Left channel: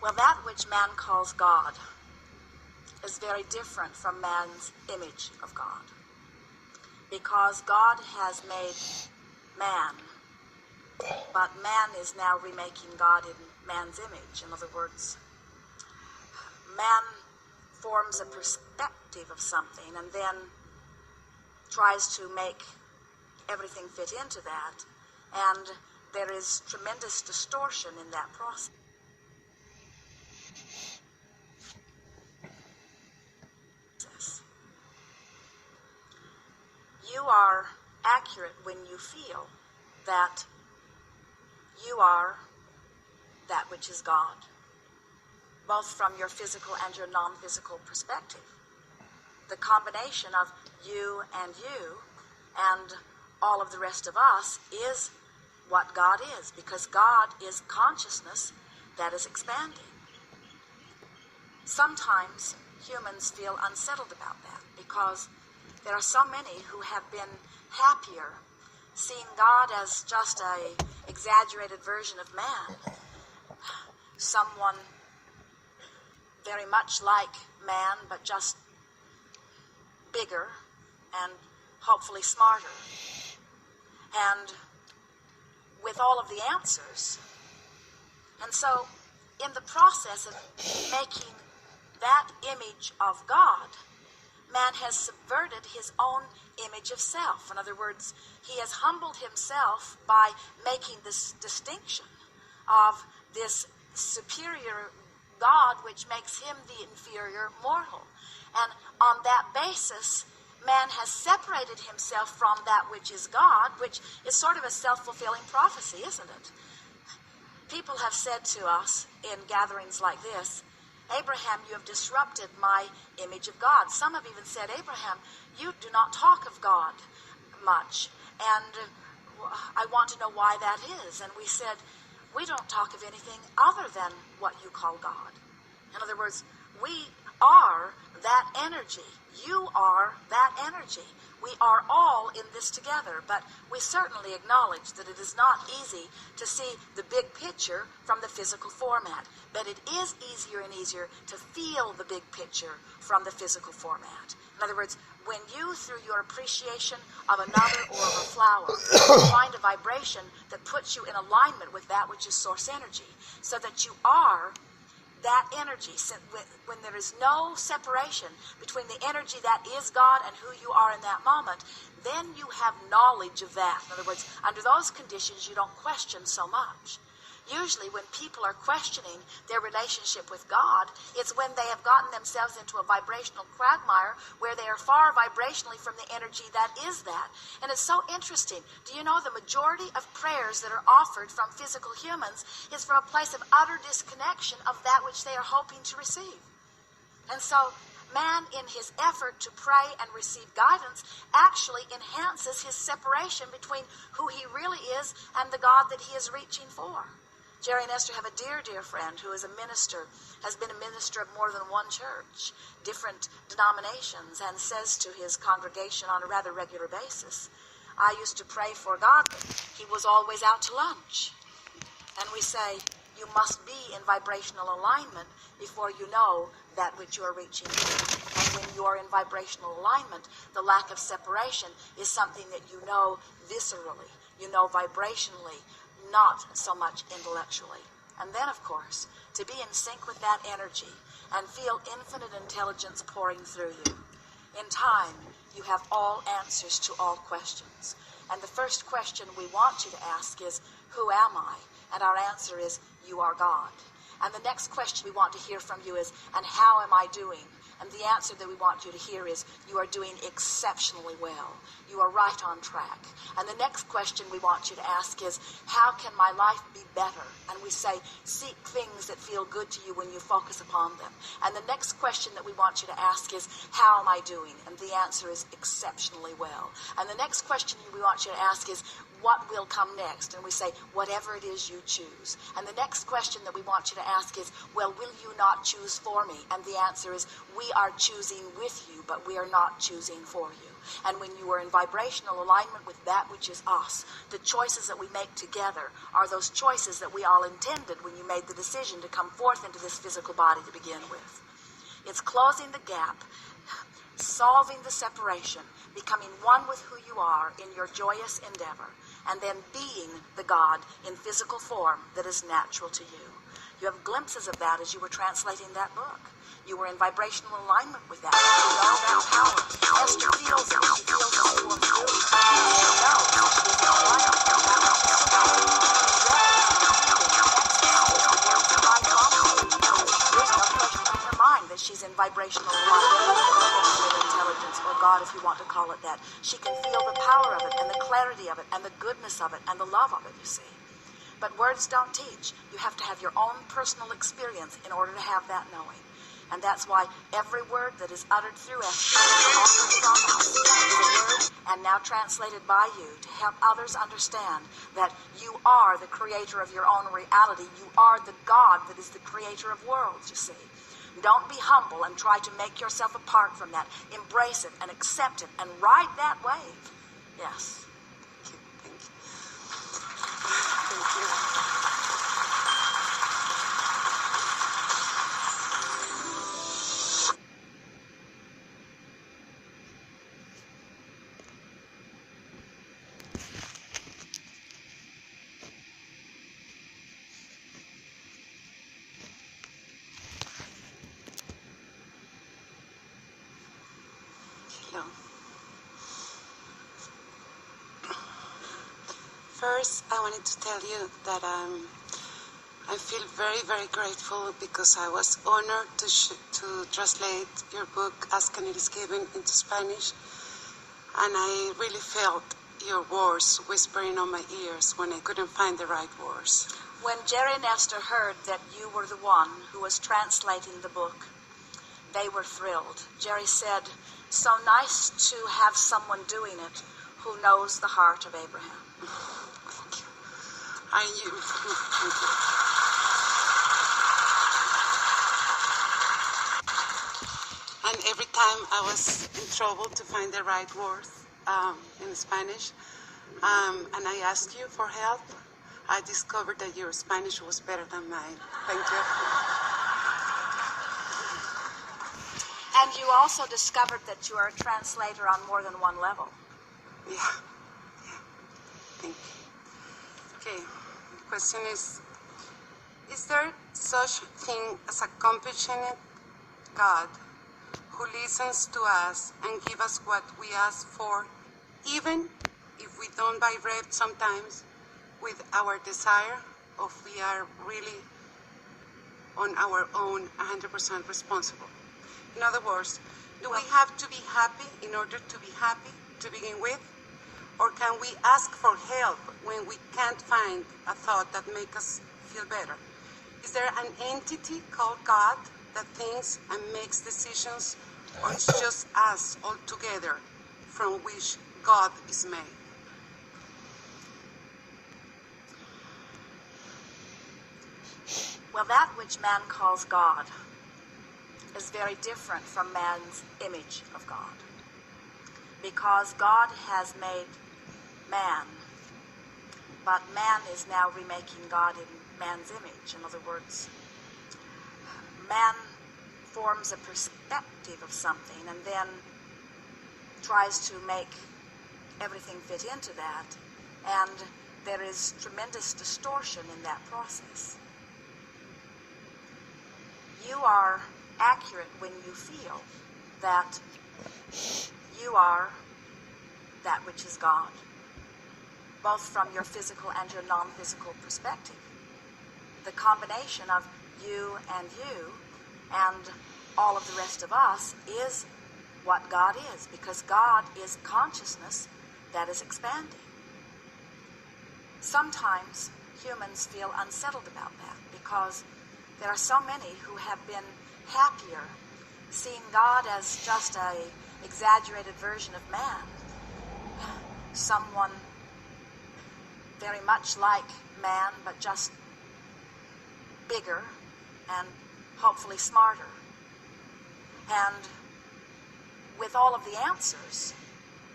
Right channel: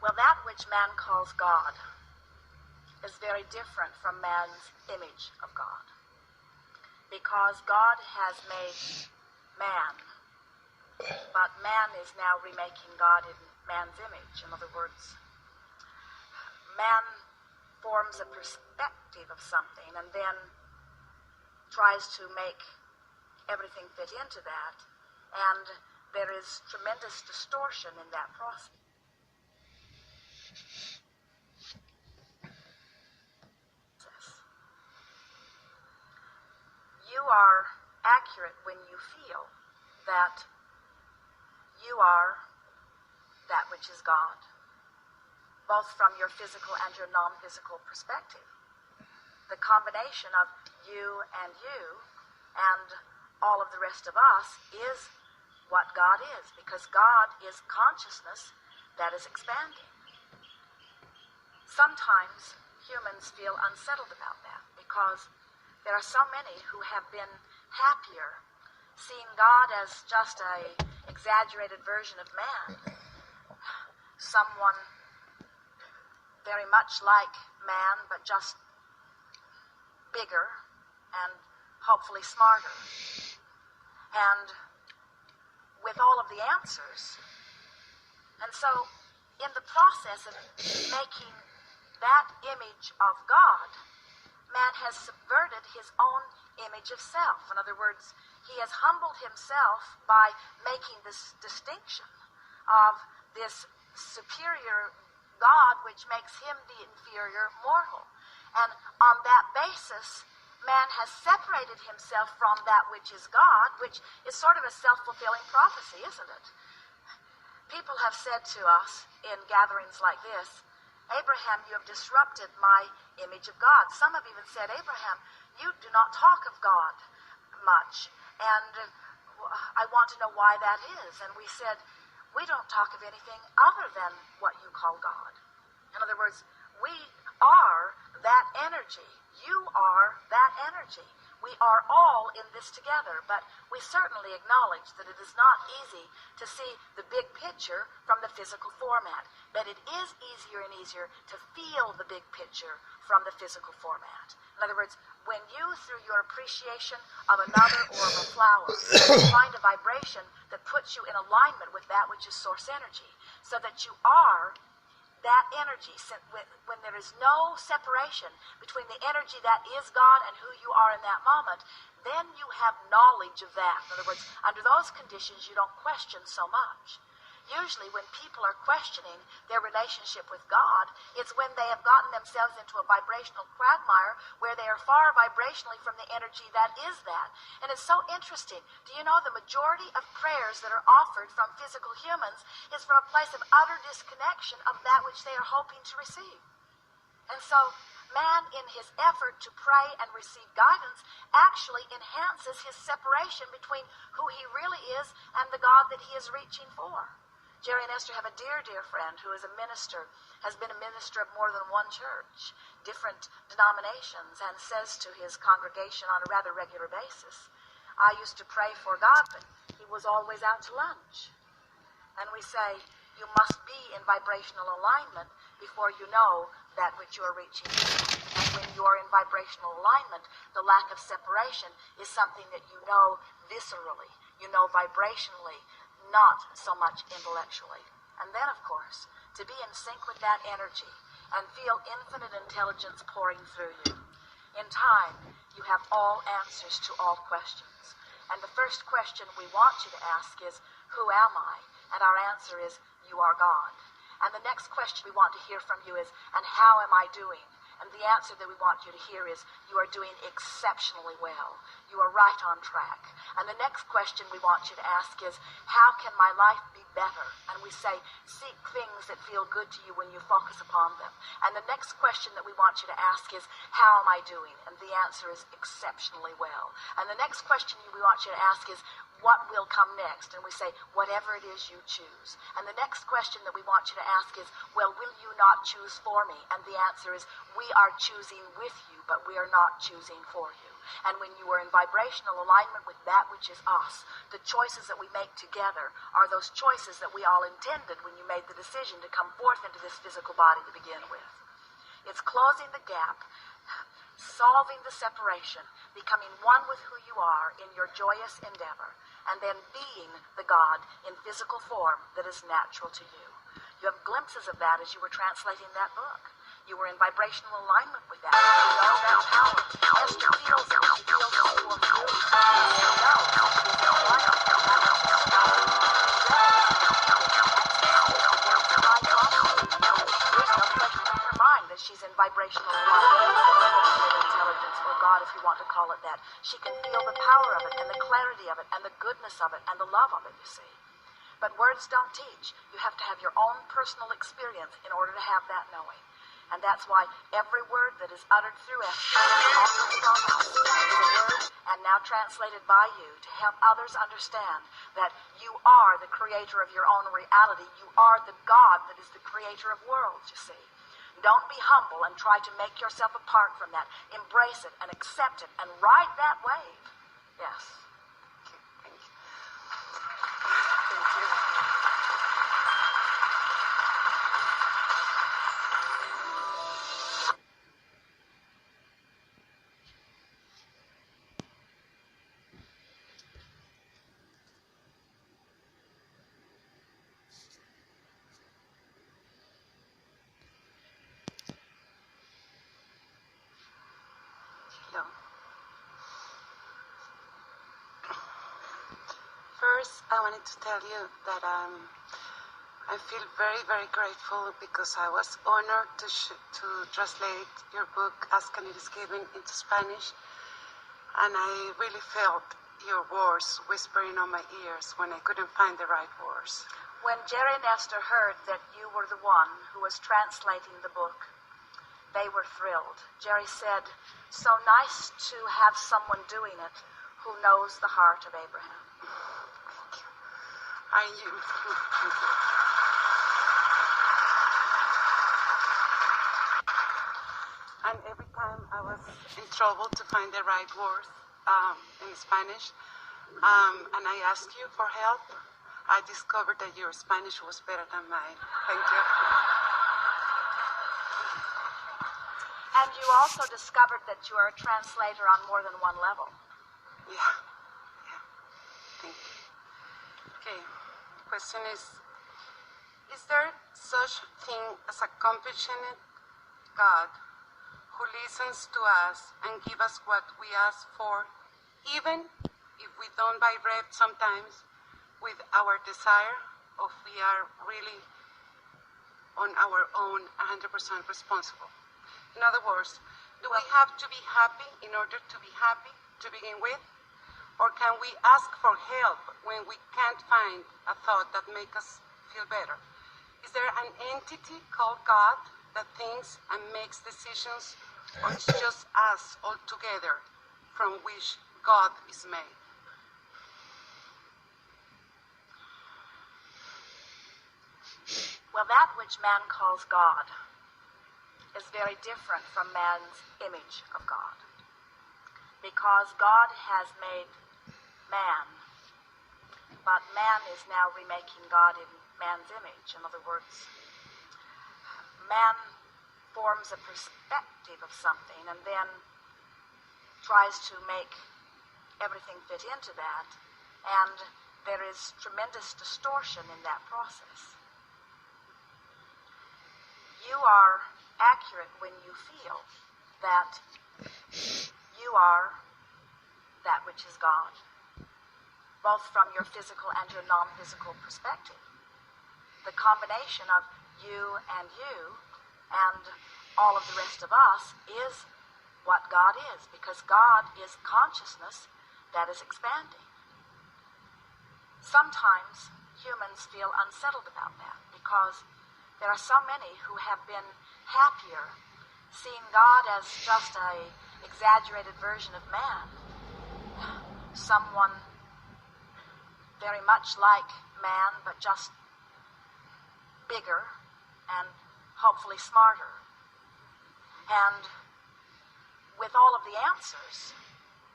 Well, that which man calls God is very different from man's image of God. Because God has made man, but man is now remaking God in man's image. In other words, man forms a perspective of something and then tries to make everything fit into that, and there is tremendous distortion in that process. You are accurate when you feel that you are that which is God, both from your physical and your non-physical perspective. The combination of you and all of the rest of us is what God is, because God is consciousness that is expanding. Sometimes humans feel unsettled about that because there are so many who have been happier seeing God as just an exaggerated version of man, someone very much like man but just bigger and hopefully smarter, and with all of the answers. And so in the process of making that image of God, man has subverted his own image of self. In other words, he has humbled himself by making this distinction of this superior God, which makes him the inferior mortal. And on that basis, man has separated himself from that which is God, which is sort of a self-fulfilling prophecy, isn't it? People have said to us in gatherings like this, Abraham, you have disrupted my image of God. Some have even said, Abraham, you do not talk of God much, and I want to know why that is. And we said, we don't talk of anything other than what you call God. In other words, we are that energy. You are that energy. We are all in this together, but we certainly acknowledge that it is not easy to see the big picture from the physical format, but it is easier and easier to feel the big picture from the physical format. In other words, when you, through your appreciation of another or of a flower, find a vibration that puts you in alignment with that which is source energy, so that you are that energy, when there is no separation between the energy that is God and who you are in that moment, then you have knowledge of that. In other words, under those conditions, you don't question so much. Usually when people are questioning their relationship with God, it's when they have gotten themselves into a vibrational quagmire where they are far vibrationally from the energy that is that. And it's so interesting. Do you know the majority of prayers that are offered from physical humans is from a place of utter disconnection of that which they are hoping to receive? And so man, in his effort to pray and receive guidance, actually enhances his separation between who he really is and the God that he is reaching for. Jerry and Esther have a dear, dear friend who is a minister, has been a minister of more than one church, different denominations, and says to his congregation on a rather regular basis, I used to pray for God, but he was always out to lunch. And we say, you must be in vibrational alignment before you know that which you are reaching for. And when you are in vibrational alignment, the lack of separation is something that you know viscerally, you know vibrationally, not so much intellectually. And then, of course, to be in sync with that energy and feel infinite intelligence pouring through you. In time, you have all answers to all questions. And the first question we want you to ask is, who am I? And our answer is, you are God. And the next question we want to hear from you is, and how am I doing? And the answer that we want you to hear is, you are doing exceptionally well. You are right on track. And the next question we want you to ask is, how can my life be better? And we say, seek things that feel good to you when you focus upon them. And the next question that we want you to ask is, how am I doing? And the answer is exceptionally well. And the next question we want you to ask is, what will come next? And we say, whatever it is you choose. And the next question that we want you to ask is, well, will you not choose for me? And the answer is, we are choosing with you, but we are not choosing for you. And when you are in vibrational alignment with that which is us, the choices that we make together are those choices that we all intended when you made the decision to come forth into this physical body to begin with. It's closing the gap, solving the separation, becoming one with who you are in your joyous endeavor, and then being the God in physical form that is natural to you. You have glimpses of that as you were translating that book. You were in vibrational alignment with that. You know that power. Esther feels it. She feels it through and through. You know she is in alignment with that which is God. There's no question in her mind that she's in vibrational alignment with intelligence, or God, if you want to call it that. She can feel the power of it, and the clarity of it, and the goodness of it, and the love of it, you see. But words don't teach. You have to have your own personal experience in order to have that knowing. And that's why every word that is uttered through Esther is a word, and now translated by you to help others understand that you are the creator of your own reality. You are the God that is the creator of worlds, you see. Don't be humble and try to make yourself apart from that. Embrace it and accept it and ride that wave. Yes. Thank you. Thank you. Hello. First, I wanted to tell you that I feel very, very grateful because I was honored to translate your book, Ask and It Is Given, into Spanish. And I really felt your words whispering on my ears when I couldn't find the right words. When Jerry and Esther heard that you were the one who was translating the book, they were thrilled. Jerry said, so nice to have someone doing it who knows the heart of Abraham. Thank you. Thank you. And every time I was in trouble to find the right words in Spanish, and I asked you for help, I discovered that your Spanish was better than mine. Thank you. And you also discovered that you are a translator on more than one level. Yeah. Thank you. Okay, the question is there such thing as a compassionate God who listens to us and gives us what we ask for, even if we don't vibrate sometimes with our desire, or if we are really on our own 100% responsible? In other words, do we have to be happy in order to be happy to begin with? Or can we ask for help when we can't find a thought that makes us feel better? Is there an entity called God that thinks and makes decisions, or it's just us all together from which God is made? Well, that which man calls God is very different from man's image of God. Because God has made man, but man is now remaking God in man's image. In other words, man forms a perspective of something and then tries to make everything fit into that, and there is tremendous distortion in that process. You are accurate when you feel that you are that which is God, both from your physical and your non-physical perspective. The combination of you and all of the rest of us is what God is, because God is consciousness that is expanding. Sometimes humans feel unsettled about that because there are so many who have been happier seeing God as just a exaggerated version of man, someone very much like man, but just bigger and hopefully smarter, and with all of the answers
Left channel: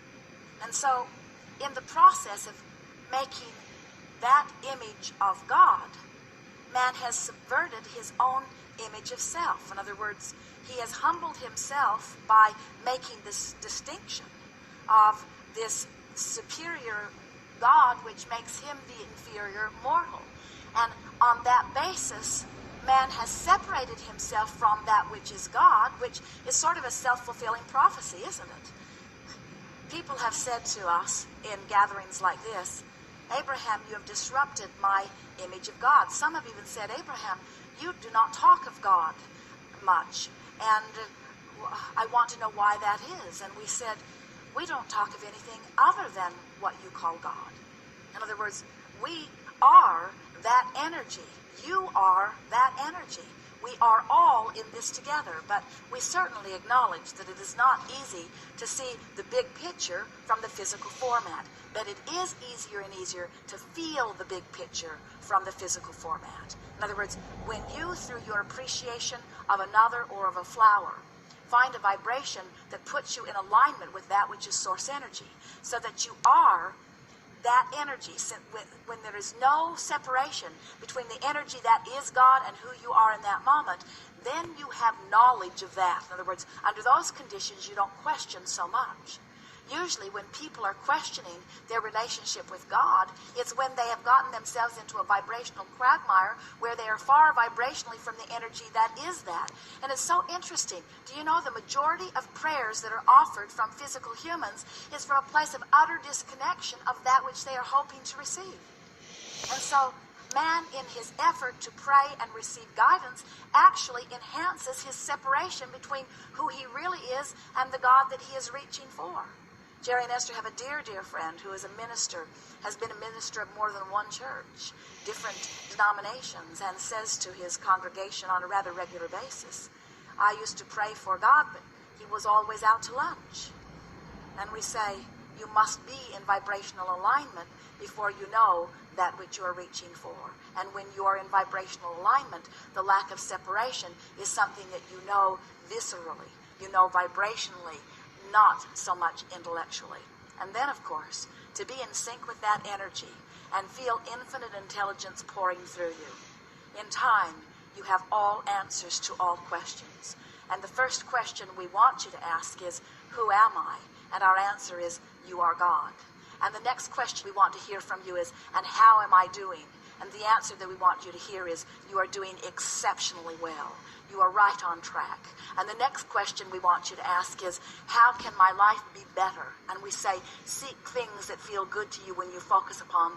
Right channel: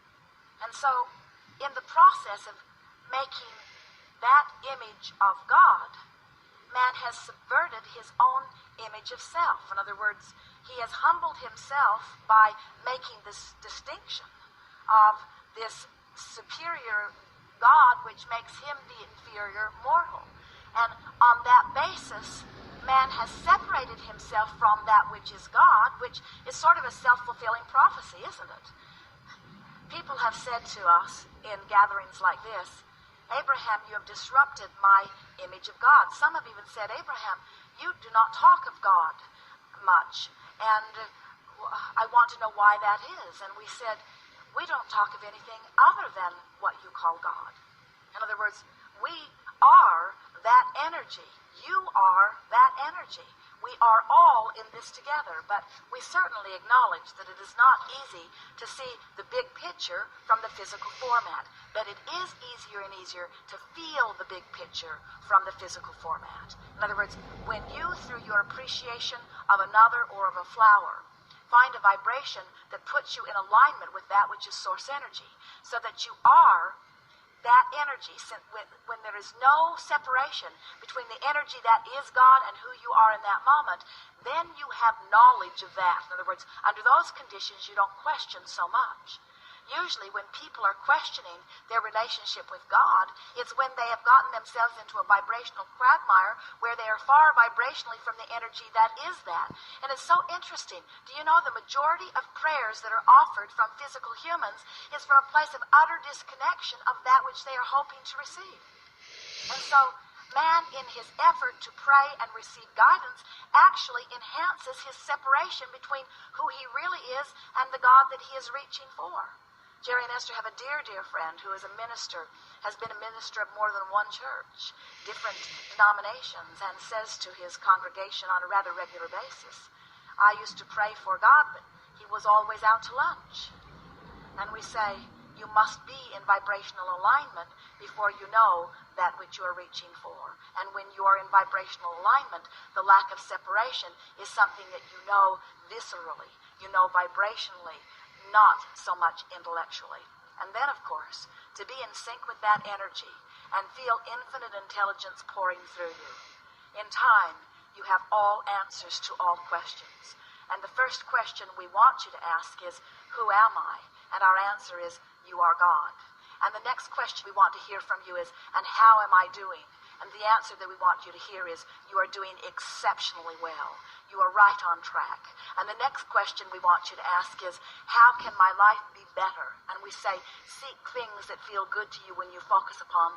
And so, in the process of making that image of God, man has subverted his own image of self. In other words, he has humbled himself by making this distinction of this superior God, which makes him the inferior mortal. And on that basis, man has separated himself from that which is God, which is sort of a self-fulfilling prophecy, isn't it? People have said to us in gatherings like this, Abraham, you have disrupted my image of God. Some have even said, Abraham, you do not talk of God much, and I want to know why that is. And we said, we don't talk of anything other than what you call God. In other words, we are that energy. You are that energy. We are all in this together, but we certainly acknowledge that it is not easy to see the big picture from the physical format, but it is easier and easier to feel the big picture from the physical format. In other words, when you, through your appreciation of another or of a flower, find a vibration that puts you in alignment with that which is source energy, so that you are that energy, when there is no separation between the energy that is God and who you are in that moment, then you have knowledge of that. In other words, under those conditions, you don't question so much. Usually when people are questioning their relationship with God, it's when they have gotten themselves into a vibrational quagmire where they are far vibrationally from the energy that is that. And it's so interesting. Do you know the majority of prayers that are offered from physical humans is from a place of utter disconnection of that which they are hoping to receive? And so man, in his effort to pray and receive guidance, actually enhances his separation between who he really is and the God that he is reaching for. Jerry and Esther have a dear, dear friend who is a minister, has been a minister of more than one church, different denominations, and says to his congregation on a rather regular basis, I used to pray for God, but he was always out to lunch. And we say, you must be in vibrational alignment before you know that which you are reaching for. And when you are in vibrational alignment, the lack of separation is something that you know viscerally, you know vibrationally, not so much intellectually. And then, of course, to be in sync with that energy and feel infinite intelligence pouring through you. In time, you have all answers to all questions. And the first question we want you to ask is, who am I? And our answer is, you are God. And the next question we want to hear from you is, and how am I doing? And the answer that we want you to hear is, you are doing exceptionally well. You are right on track. And the next question we want you to ask is, how can my life be better? And we say, seek things that feel good to you when you focus upon